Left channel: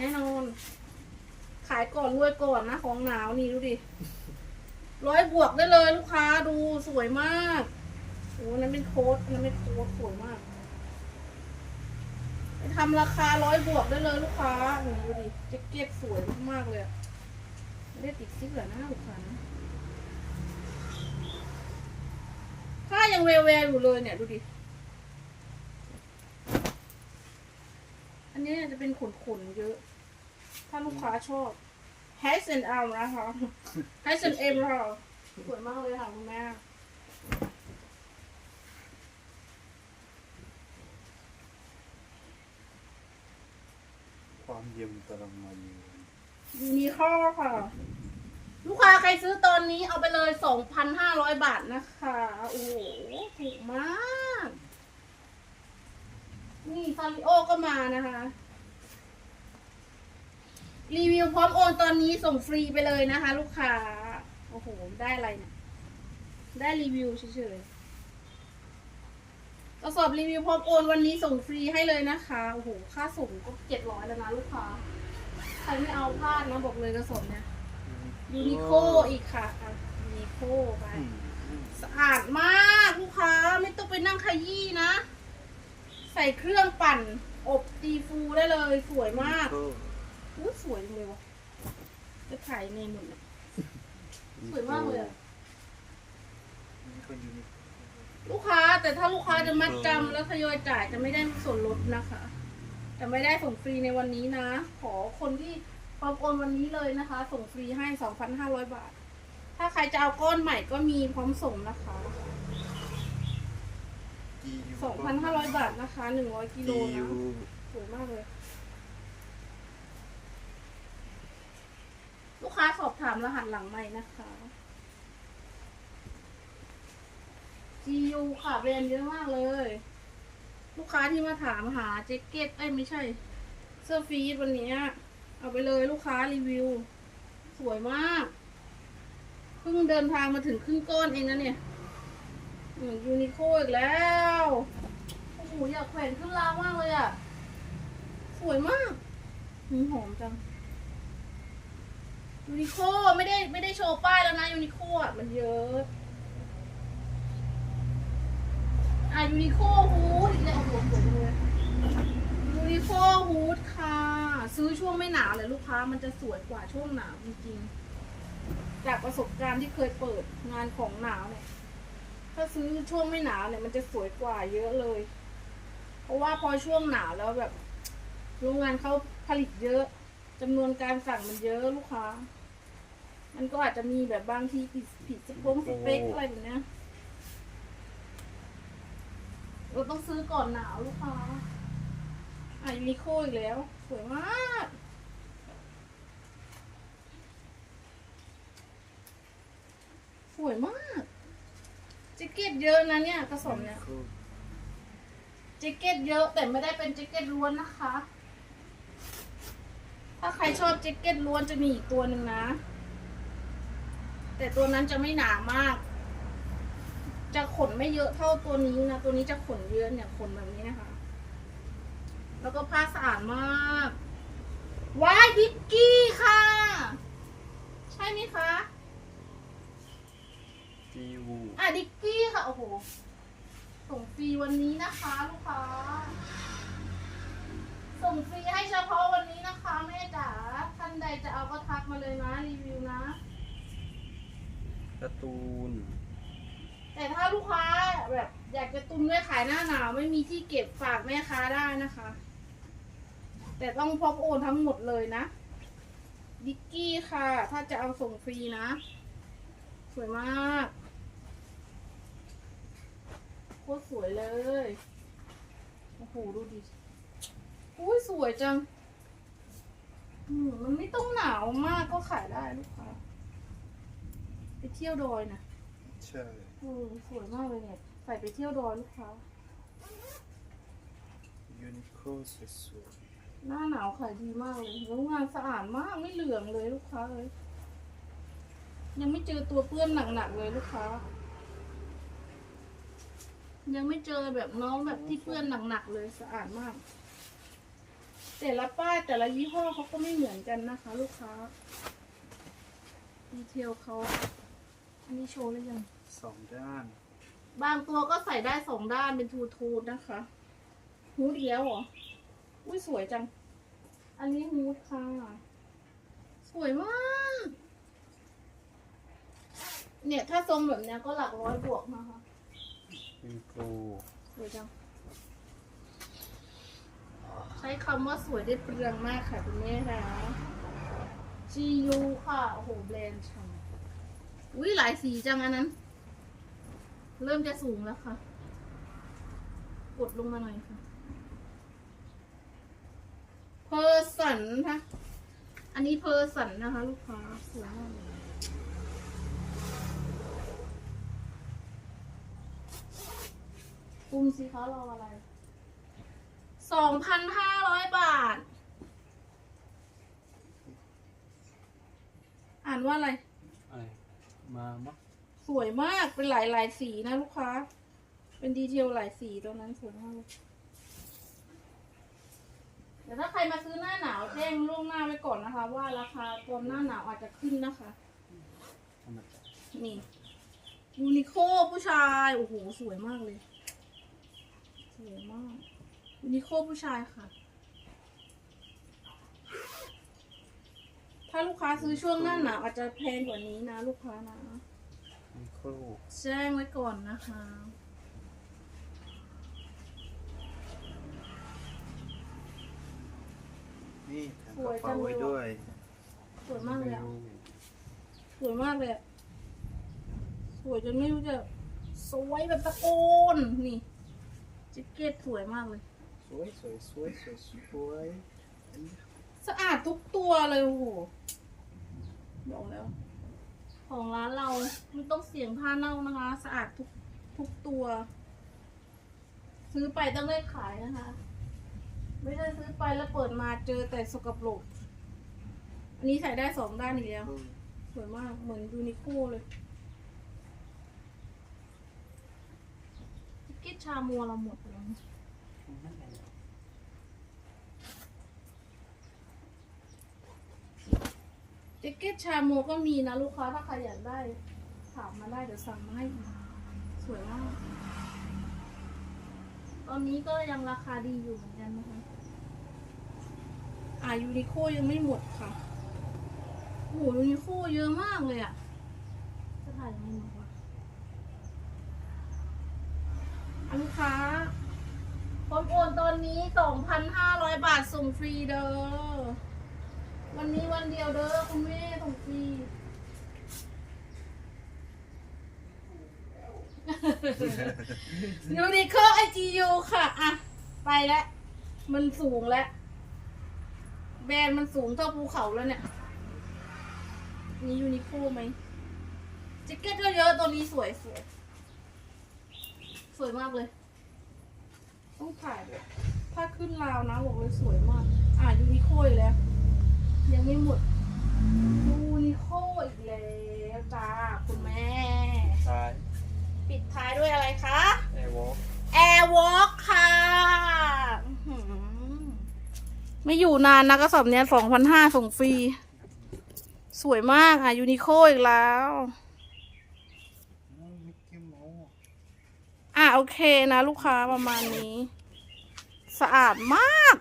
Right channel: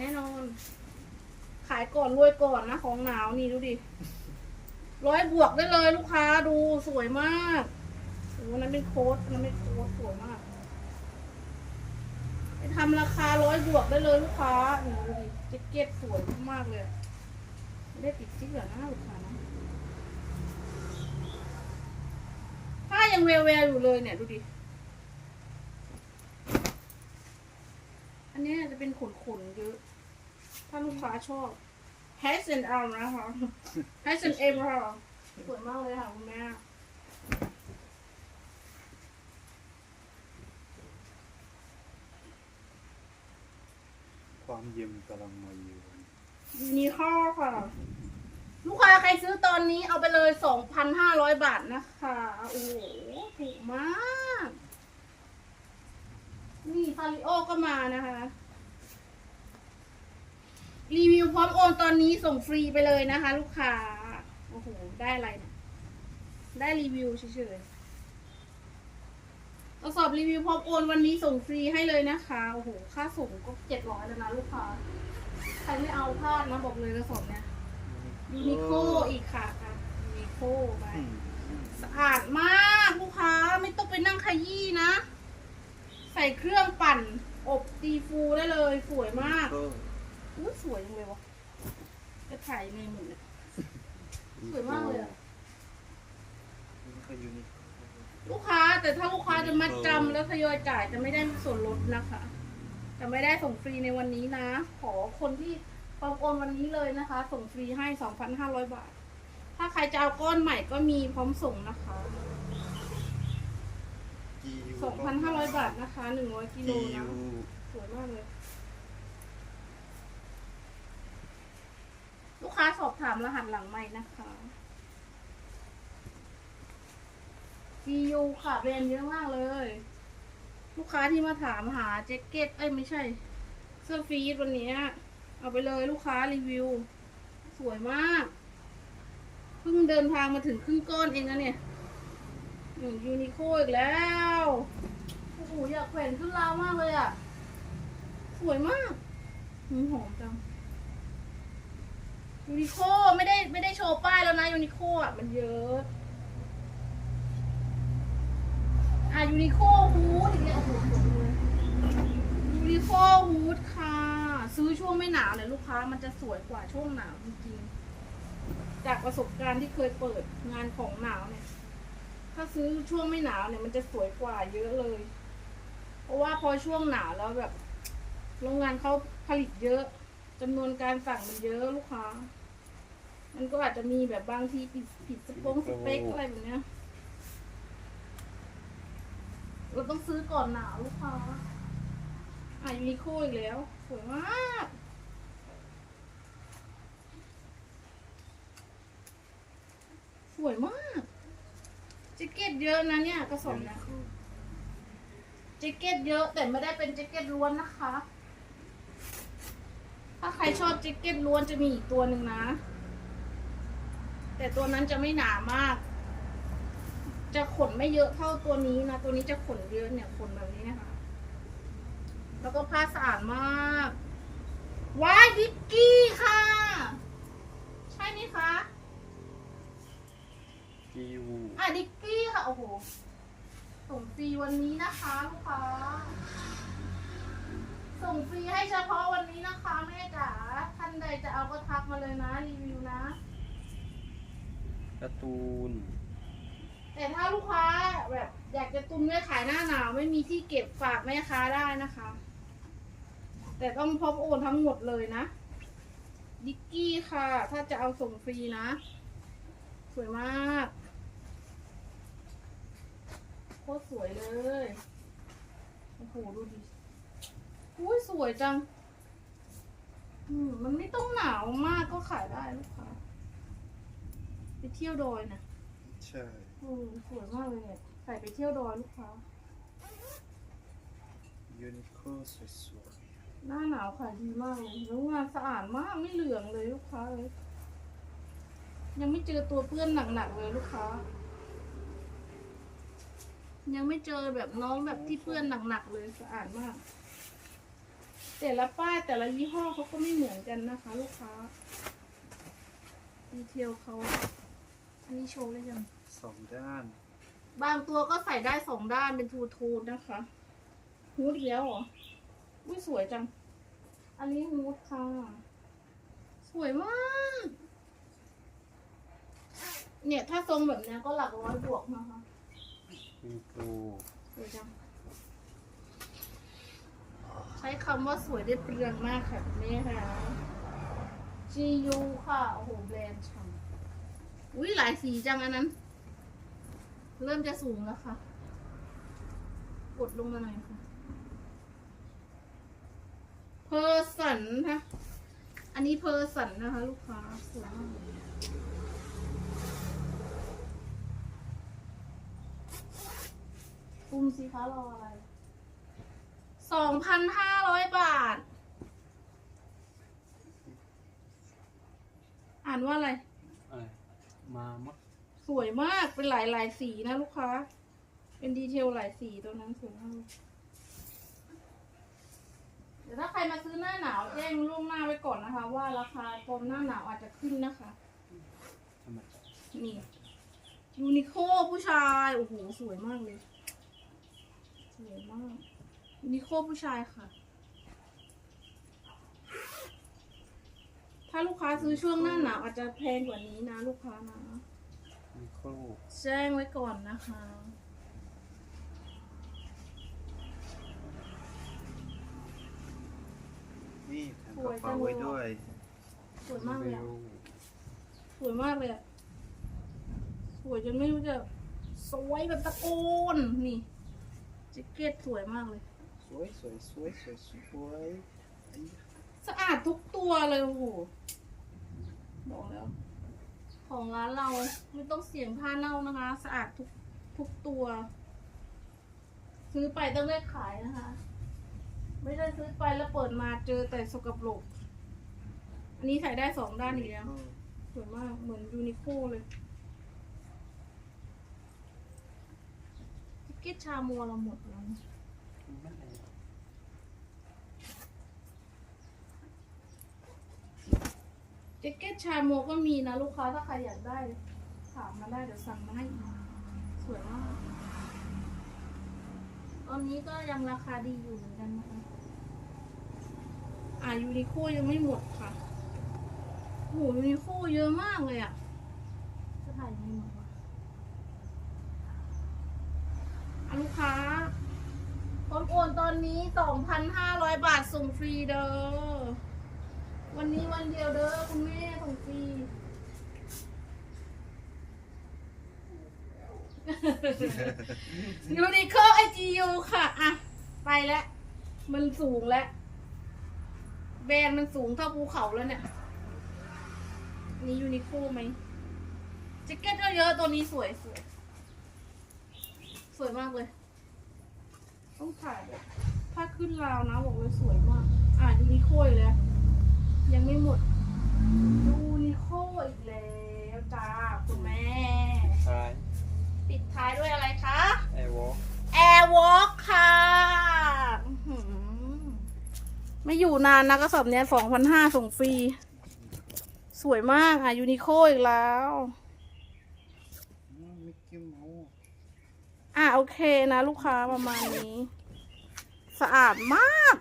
แน่นอน ขายก่อนรวยก่อนนะของหนาวนี่ดูดิ ร้อยบวกได้เลยลูกค้าดูสวยมากโอ้นั้นเป็นโค้ดนั้นเป็นโค้ดสวยมากไปทำราคาร้อยบวกได้เลยลูกค้านี่ดูดิแจ็คเก็ตสวยมากเลยอะไม่ได้ติดซิกเหรอนะลูกค้านะผ้ายังแววๆอยู่เลยเนี่ยดูดิ อันนี้จะเป็นขนๆเยอะ ถ้าลูกค้าชอบ h a s and L นะคะ h a s and M ค่ะสวยมากเลยค่ะคุณแม่ความเย็นกำลังมาอยู่ยูนิคอร์ค่ะ ลูกค้าใครซื้อตอนนี้เอาไปเลย 2,500 บาทนะคะ โอ้โหถูกมาก นี่ฟาริโอก็มานะคะ รีวิวพร้อมโอนตอนนี้ส่งฟรีไปเลยนะคะ ลูกค้า โอ้โห ได้อะไรเนี่ยได้รีวิวเฉยๆกระสอบรีวิวพร้อมโอนวันนี้ส่งฟรีให้เลยนะคะ โอ้โห ค่าส่งก็เจ็ดร้อยแล้วนะลูกค้า ใครไม่เอาพลาดนะบอกเลยกระสอบเนี่ยยูนิโคอีกค่ะอะยูนิโคไปอืมสะอาดมากลูกค้าไม่ต้องไปนั่งขยี้นะ ใส่เครื่องปั่น อบตีฟูได้เลย สวยมากก็อู้สวยจังเลยวะจะถ่ายในหนึ่งอะสวยมากเลยอะนี่ก็ยูนิคลูกค้าแต่ถ้าลูกค้าจะมัดจำแล้วทยอยจ่ายจะไม่ได้ส่วนลดนะคะจะไม่ได้ส่งฟรีในวันนี้นะ ขอคนที่พร้อมโอนวันนี้เลยนะคะ ส่งฟรีให้ 2,500 บาท ถ้าใครจะเอาก้อนใหม่ก็มีพร้อมส่งนะคะ กี2,500บาทนะคะ100กิโลนะสวยมากเลย ลูกค้าสอบถามรหัสหลังใหม่นะคะ GU ค่ะแบรนด์เยอะมากเลย ลูกค้าที่มาถามหาแจ็คเก็ต เอ้ยไม่ใช่ เสื้อฟรีดวันนี้ เอาไปเลยลูกค้ารีวิว สวยมาก เพิ่งเดินทางมาถึงครึ่งก้อนเองนะเนี่ย ยูนิโคอีกแล้ว โอ้โหอยากแขวนขึ้นราวมากเลยอะ สวยมากหืมหอมจัง ยูนิโคไม่ได้ไม่ได้โชว์ป้ายแล้วนะยูนิโคอะมันเยอะ อะยูนิโคฮูดอีกแล้วโอ้โหสวยเลยยูนิโคฮูดค่ะ ซื้อช่วงไม่หนาวเลยลูกค้ามันจะสวยกว่าช่วงหนาวจริงๆ จากประสบการณ์ที่เคยเปิดงานของหนาวเนี่ย ถ้าซื้อช่วงไม่หนาวเนี่ยมันจะสวยกว่าเยอะเลย เพราะว่าพอช่วงหนาวแล้วแบบ โรงงานเขาผลิตเยอะจำนวนการสั่งมันเยอะลูกค้า มันก็อาจจะมีแบบบางทีผิดผิดสปงสเปคอะไรแบบเนี้ยเราต้องซื้อก่อนหนาวลูกค้าอะยูนิโคอีกแล้ว สวยมากสวยมาก แจ็คเก็ตเยอะนะเนี่ยกระสอบเนี่ยแจ็คเก็ตเยอะแต่ไม่ได้เป็นแจ็คเก็ตล้วนนะคะ ถ้าใครชอบแจ็คเก็ตล้วนจะมีอีกตัวหนึ่งนะ แต่ตัวนั้นจะไม่หนามาก จะขนไม่เยอะเท่าตัวนี้นะ ตัวนี้จะขนเยอะเนี่ยขนแบบนี้นะคะ แล้วก็ผ้าสะอาดมากว้ายดิกกี้ค่ะ ใช่ไหมคะ กียูอะดิกกี้ค่ะ โอ้โห ส่งฟรีวันนี้นะคะลูกค้า ส่งฟรีให้เฉพาะวันนี้นะคะแม่จ๋า ท่านใดจะเอาก็ทักมาเลยนะ รีวิวนะ การ์ตูน แต่ถ้าลูกค้าแบบอยากจะตุนไว้ขายหน้าหนาวไม่มีที่เก็บฝากแม่ค้าได้นะคะ แต่ต้องพร้อมโอนทั้งหมดเลยนะ ดิกกี้ค่ะ ถ้าจะเอาส่งฟรีนะ สวยมาก โคตรสวยเลย โอ้โห ดูดิอุ้ยสวยจัง อืมมันไม่ต้องหนาวมากก็ขายได้ลูกค้าไปเที่ยวดอยนะใช่เออสวยมากเลยเนี่ยใส่ไปเที่ยวดอยลูกค้า ยูนิโคสวยหน้าหนาวขายดีมากเลยแล้วงานสะอาดมากไม่เหลืองเลยลูกค้าเลย ยังไม่เจอตัวเปื้อนหนักๆเลยลูกค้า ยังไม่เจอแบบน้องแบบที่เปื้อนหนักๆเลยสะอาดมาก แต่ละป้ายแต่ละยี่ห้อเขาก็ไม่เหมือนกันนะคะ ลูกค้า ดีเทลเขาอันนี้โชว์เลยยัง สองด้าน บางตัวก็ใส่ได้สองด้านเป็นทูทูนนะคะฮูดอีกแล้วเหรอ อุ้ยสวยจัง อันนี้ฮูดค่ะ สวยมาก เนี่ยถ้าทรงแบบเนี้ยก็หลักร้อยบวกนะคะ ยูนิโคลสวยจังใช้คำว่าสวยได้เปลืองมากค่ะคุณแม่ค่ะ GU ค่ะ โอ้โหแบรนด์ฉันอุ้ยหลายสีจังอันนั้น เริ่มจะสูงแล้วค่ะ กดลงมาหน่อยค่ะ เพอร์สันค่ะ อันนี้เพอร์สันนะคะ ลูกค้าสวยมากเลย คุมสิคะรออะไรสองพันห้าร้อยบาท อ่านว่าอะไร อะไรมามักสวยมากเป็นหลายหลายสีนะลูกค้า เป็นดีเทลหลายสีตัวนั้นสวยมากเลยเดี๋ยวถ้าใครมาซื้อหน้าหนาวแจ้งล่วงหน้าไว้ก่อนนะคะ ว่าราคาตอนหน้าหนาวอาจจะขึ้นนะคะธรรมดานี่ยูนิโคผู้ชาย โอ้โห สวยมากเลย สวยมากยูนิโคผู้ชายค่ะ ถ้าลูกค้าซื้อช่วงหน้าหนาวอาจจะแพงกว่านี้นะ ลูกค้านะยูนิโคลแจ้งไว้ก่อนนะคะ นี่ผมกระเป๋าไว้ด้วยสวยมากเลยอะรู้สวยมากเลยอะสวยจนไม่รู้จะสวยแบบตะโกนนี่ แจ็คเก็ตสวยมากเลย สวยสวยสวยสวยสวยอันนี้สะอาดทุกตัวเลยโอ้โหบอกแล้ว ของร้านเราไม่ต้องเสี่ยงผ้าเน่านะคะ สะอาดทุกทุกตัว ซื้อไปต้องได้ขายนะคะ ไม่ได้ซื้อไปแล้วเปิดมาเจอแต่สกปรกอันนี้ใส่ได้สองด้านอีกแล้วสวยมากเหมือนยูนิโคเลย แจ็คเก็ตชามัวเราหมดแล้วแจ็คเก็ตชาโมก็มีนะลูกค้าถ้าใครอยากได้ถามมาได้เดี๋ยวสั่งมาให้อีกสวยมากตอนนี้ก็ยังราคาดีอยู่เหมือนกันนะคะอ่ายูนิโคยังไม่หมดค่ะโอ้โหยูนิโคเยอะมากเลยอะจะถ่ายยังไงหมดวะอะ ลูกค้าพร้อมโอนตอนนี้ 2,500 บาทส่งฟรีเด้อ วันนี้วันเดียวเด้อคุณแม่ส่งฟรียูนิโคไอจียูค่ะอะ ไปแล้ว มันสูงแล้ว แบรนด์มันสูงเท่าภูเขาแล้วเนี่ย นี่ยูนิโคไหมแจ็คเก็ตก็เยอะตัวนี้สวยสวย สวยมากเลย ต้องถ่ายด้วยถ้าขึ้นราวนะบอกเลยสวยมาก อะยูนิโคอีกแล้ว ยังไม่หมดยูนิโคอีกแล้วจ้าคุณแม่ ท้ายปิดท้ายด้วยอะไรคะ แอร์วอล์ก Airwalk ค่ะอื้อหือไม่อยู่นานนะกระสอบเนี้ยสองพันห้าส่งฟรี สวยมากค่ะยูนิโคอีกแล้ว มิกกี้เมาส์ อะ โอเคนะลูกค้าประมาณนี้ สะอาดมาก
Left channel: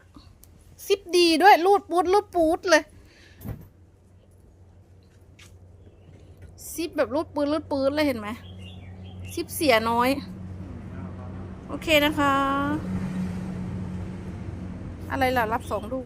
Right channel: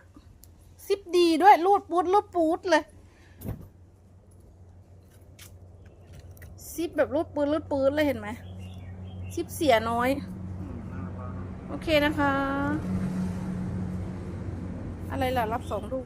ซิปดีด้วยรูดปูดรูดปูดเลย ซิปแบบรูดปืนรูดปืนเลยเห็นไหมซิปเสียน้อย โอเคนะคะ อะไรล่ะ รับสองลูก